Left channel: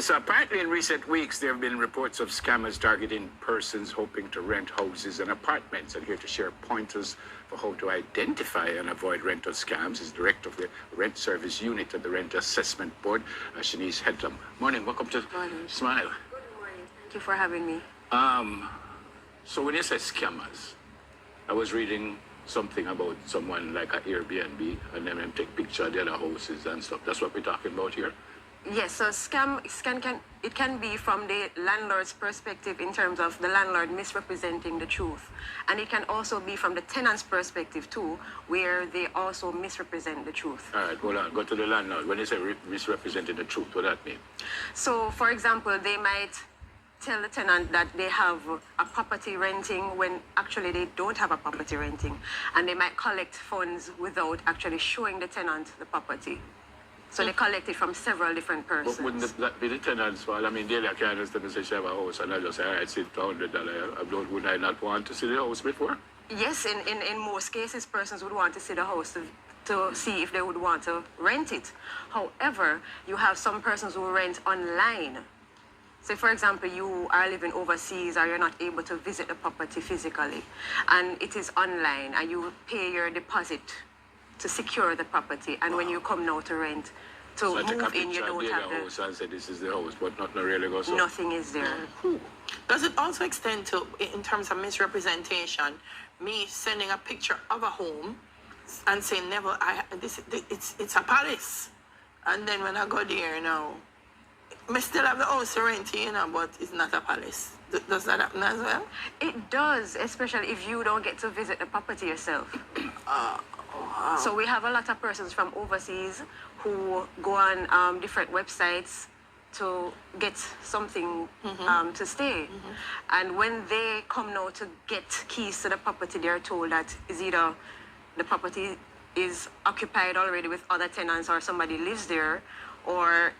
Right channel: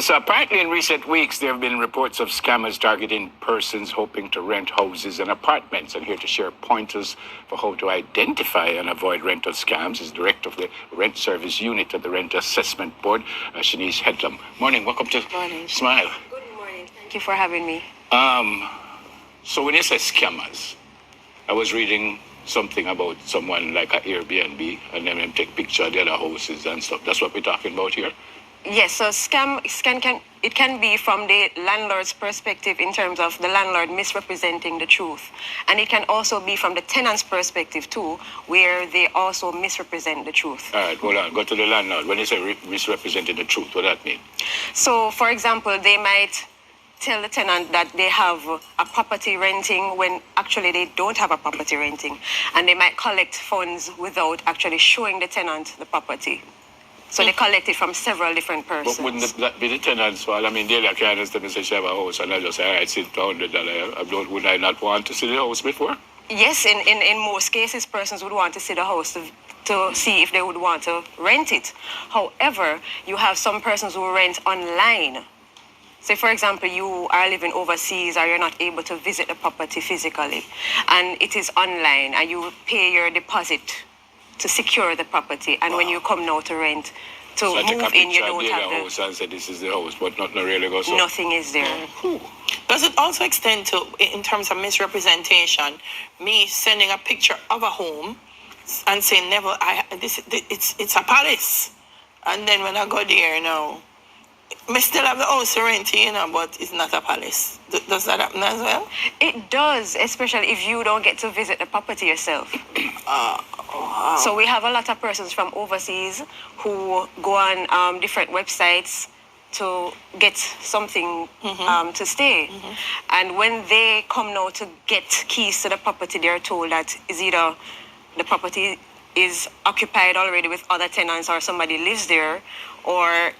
So apparently in recent weeks, there have been reports of scammers targeting persons hoping to rent houses and apartments. And here to share pointers for how to identify and avoid rental scams is Director of the Rent Service Unit at the Rent Assessment Board, Shanice Headlam. Morning, welcome to Morning. Smile. Good morning. Thank you for having me. So when you say scammers, I was reading something about someone like an Airbnb and then them take picture of the other houses and stuff. That's what we're talking about here? Yes, so scam can be from the landlord's perspective in terms of the landlord misrepresenting the truth. And it can also be from the tenant's perspective too, where they also misrepresent the truth. All right, hold on. Go to the landlord. When you say misrepresenting the truth, what does that mean? So, for example, they might tell the tenant that they have a property renting when actually they don't have a property renting. And they might collect funds without actually showing the tenant the property. So they collect it from several different persons. But wouldn't that be the tenant's fault? I mean, daily I can understand and say she have a house and I just say, all right, sit $100. Would I not want to see the house before? Yes, in most cases, persons would want to see the house to see if they would want to rent it. However, you have some persons who rent online. Say, for example, you are living overseas or you're not able to visit the property physically, and it is online, and you pay your deposit to secure the property, and when you come now to rent, to so move in, you don't have the house and say this is the house, but nothing really goes on. Nothing is there. Does it also extend to, in terms of misrepresentation, me sending a picture of a home and saying, never, it's a palace, and then when I go there, I still have the house to rent, but it's not a palace. Does that happen as well? It does, especially if you don't get to visit the property yourself. Wow. So we have a lot of persons from overseas who go on different websites to get something to stay. And when they come now to get keys to the property, they're told that is either the property is occupied already with other tenants or somebody lives there, or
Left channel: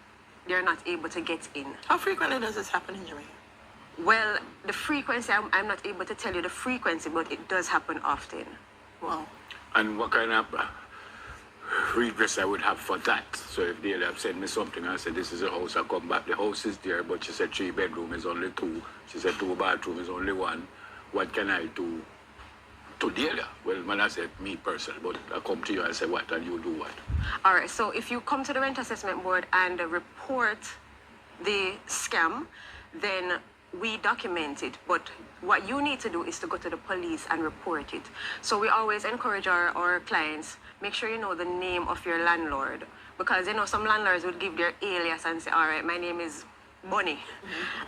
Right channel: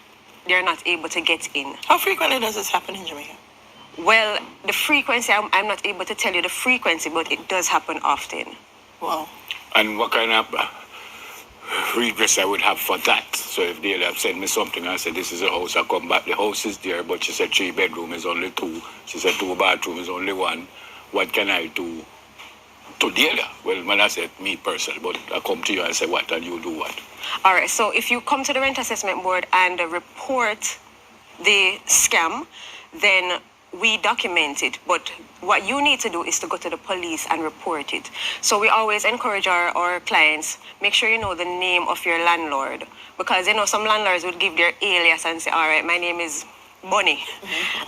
they're not able to get in. How frequently does this happen in Jamaica? Well, the frequency, I'm not able to tell you the frequency, but it does happen often. Wow. And what kind of redress I would have for that? So if they have sent me something and said, this is a house, I come back, the house is there, but she said 3 bedroom is only 2. She said 2 bathroom is only 1. What can I do to Delia? Well, when I said me personally, but I come to you and say what, and you do what? All right, so if you come to the Rent Assessment Board and report the scam, then we document it. But what you need to do is to go to the police and report it. So we always encourage our clients, make sure you know the name of your landlord. Because, some landlords would give their alias and say, all right, my name is Bunny.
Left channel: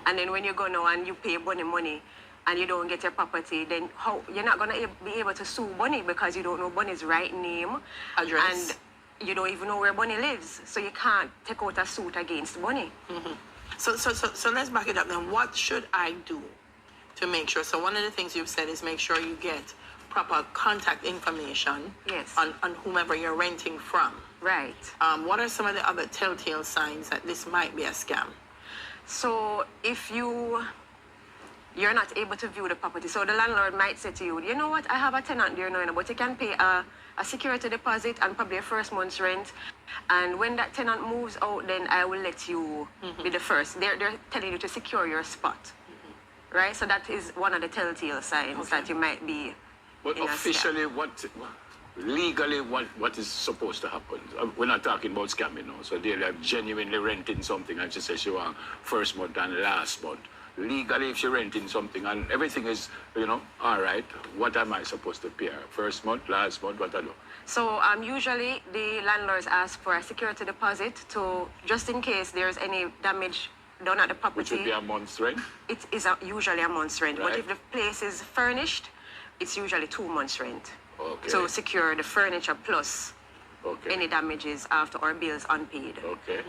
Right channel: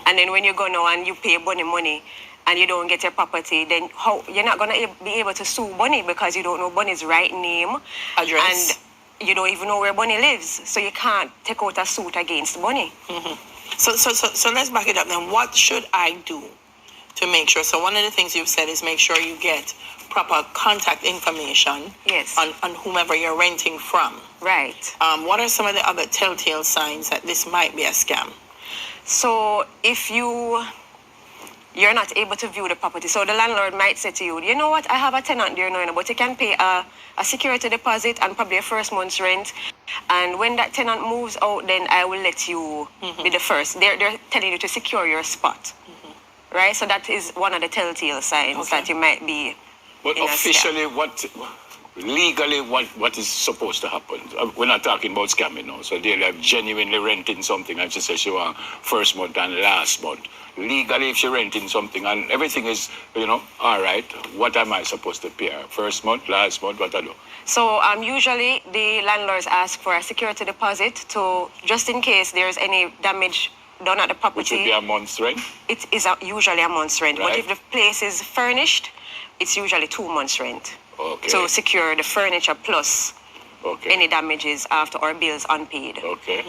And then when you go now and you pay Bunny money, and you don't get your property, then you're not going to be able to sue Bunny because you don't know Bunny's right name. Address. And you don't even know where Bunny lives. So you can't take out a suit against Bunny. So let's back it up then. What should I do to make sure? So one of the things you've said is make sure you get proper contact information on whomever you're renting from. Right. What are some of the other telltale signs that this might be a scam? So if you're not able to view the property. So the landlord might say to you, you know what, I have a tenant there now, but you can pay a security deposit and probably a first month's rent. And when that tenant moves out, then I will let you be the first. They're telling you to secure your spot. Right? So that is one of the telltale signs that you might be But in officially, legally, what is supposed to happen? We're not talking about scamming now. So they're like genuinely renting something and she says she wants first month and last month. Legally, if you're renting something and everything is, all right, what am I supposed to pay? First month, last month, what I do? So usually the landlords ask for a security deposit to, just in case there's any damage done at the property. Which would be a month's rent? It is usually a month's rent. Right. But if the place is furnished, it's usually 2 months' rent. Okay. So secure the furniture plus any damages after or bills unpaid. Okay.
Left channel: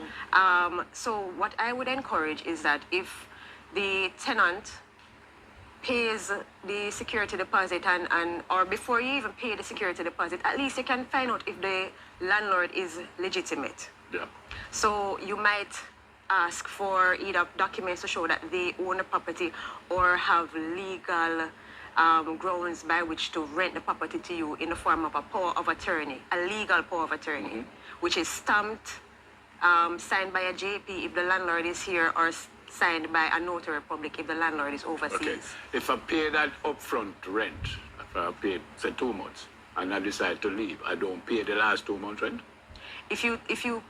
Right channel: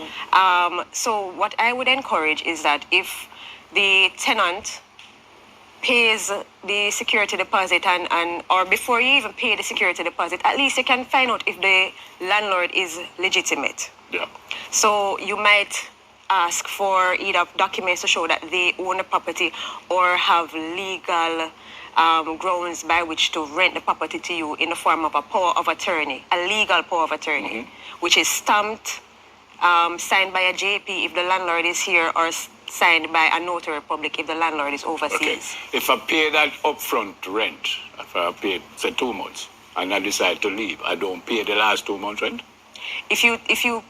So what I would encourage is that if the tenant pays the security deposit or before you even pay the security deposit, at least you can find out if the landlord is legitimate. Yeah. So you might ask for either documents to show that they own the property or have legal grounds by which to rent the property to you in the form of a power of attorney, a legal power of attorney, which is stamped signed by a JP if the landlord is here, or signed by a notary public if the landlord is overseas. Okay. If I pay that upfront rent, if I pay, say, 2 months, and I decide to leave, I don't pay the last 2 months rent? If you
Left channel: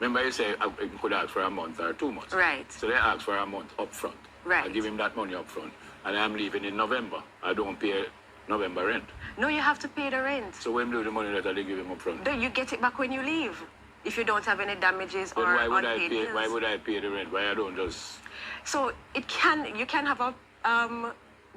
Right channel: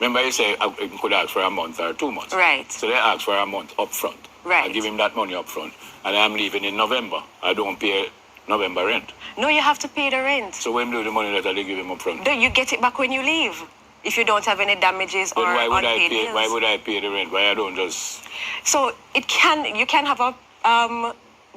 Remember, you say I could ask for a month or 2 months. Right. So they ask for a month upfront. Right. I give him that money upfront, and I'm leaving in November. I don't pay November rent. No, you have to pay the rent. So when do the money that they give him upfront? You get it back when you leave. If you don't have any damages Then or why would I unpaid pay? bills. Why would I pay the rent? Why I don't just? So you can have a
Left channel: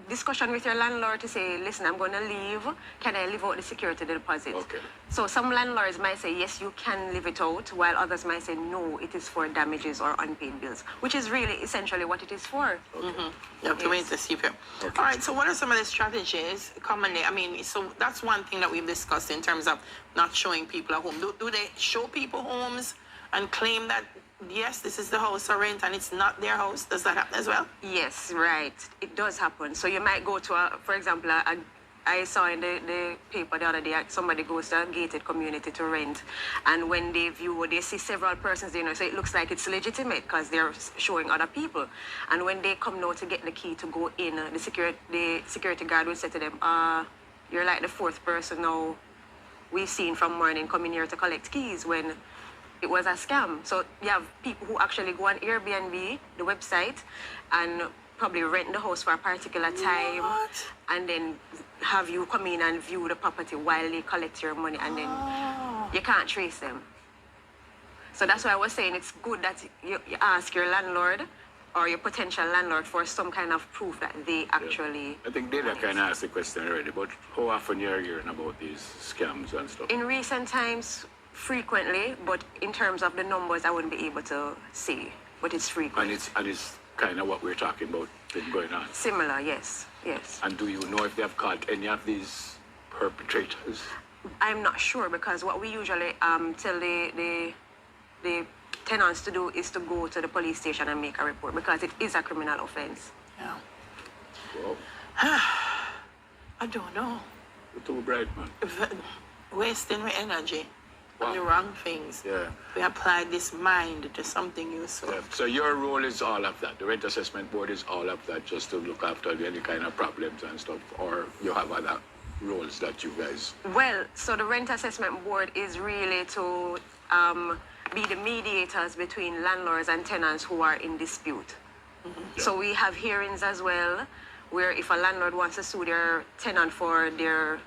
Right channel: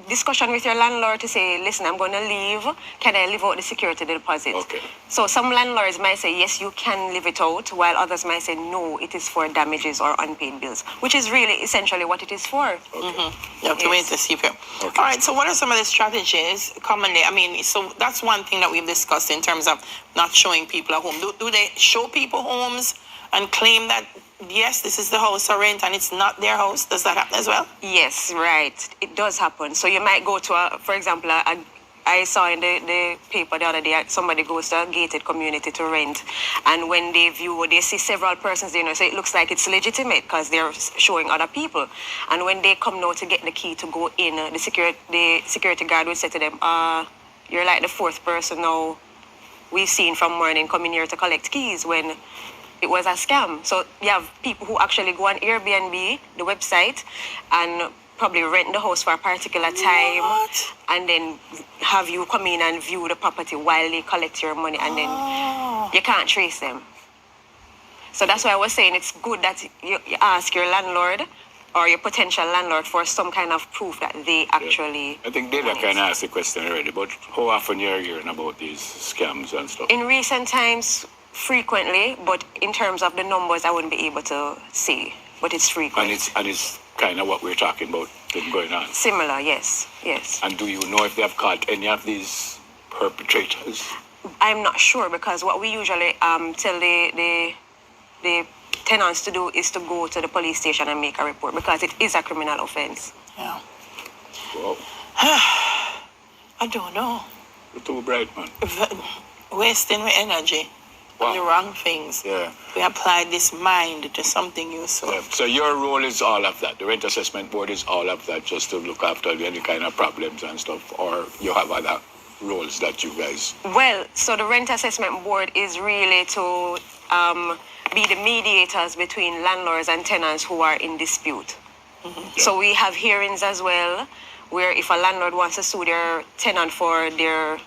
discussion with your landlord to say, listen, I'm going to leave. Can I leave out the security deposit? Okay. So some landlords might say, yes, you can leave it out, while others might say, no, it is for damages or unpaid bills, which is really essentially what it is for. Okay. You have to wait to see if it. Okay. All right. So, what are some of the strategies commonly? I mean, so that's one thing that we've discussed in terms of not showing people a home. Do they show people homes and claim that yes, this is the house I rent and it's not their house? Does that happen as well? Yes, right. It does happen. So you might go to, for example, I saw in the paper the other day, somebody goes to a gated community to rent, and when they view, they see several persons there, so it looks like it's legitimate because they're showing other people. And when they come now to get the key to go in, the security guard will say to them, you're like the fourth person now we've seen from morning coming here to collect keys, when it was a scam. So you have people who actually go on Airbnb, the website, and probably rent the house for a particular time, What? and then have you come in and view the property while they collect your money, and then you can't trace them. So that's why I was saying it's good that you ask your landlord or your potential landlord for some kind of proof that they actually. I think they want it. kind of asked the question already, but how often you're hearing about these scams and stuff? In recent times, frequently, but in terms of the numbers, I wouldn't be able to say, but it's frequent. And it's kind of what we're talking about been going on. Similar, yes. And do you know if they have caught any of these perpetrators? I'm not sure, because what we usually tell the tenants to do is to go to the police station and make a report, because it is a criminal offense. Yeah. Wow. I don't know. You're too bright, man. Wasting my energy on Wow. the wrong things. Yeah. We apply this mind to something useful. Yeah. So your role is all of that. The rent assessment board is all of that, just to look after any kind of problems and stuff, or you have other roles that you guys. Well, so the rent assessment board is really to be the mediators between landlords and tenants who are in dispute. So we have hearings as well, where if a landlord wants to sue their tenant for their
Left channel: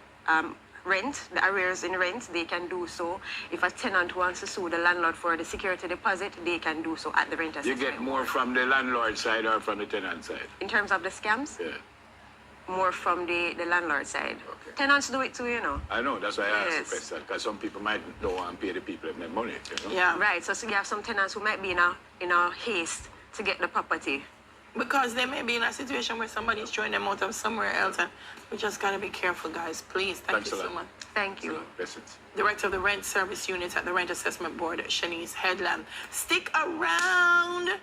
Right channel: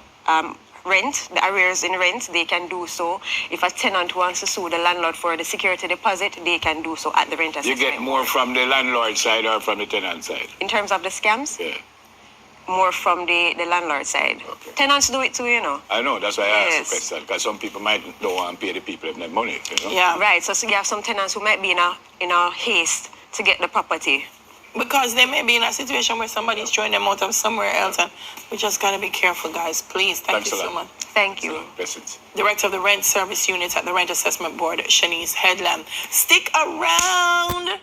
rent, the arrears in rent, they can do so. If a tenant wants to sue the landlord for the security deposit, they can do so at the rent You assessment get more board. from the landlord side or from the tenant side? In terms of the scams, Yeah. more from the landlord side. Okay. Tenants do it too, you know. I know, that's why I asked Yes. the question, because some people might don't want to pay the people if they have money, you know? Yeah. Right, so you have some tenants who might be in a haste to get the property. Because they may be in a situation where somebody's throwing them out of somewhere else, and we just gotta be careful, guys. Please, thank Thanks you a so lot. much. Thank you. Blessings. Director of the Rent Service Unit at the Rent Assessment Board, Shanice Headland. Stick around.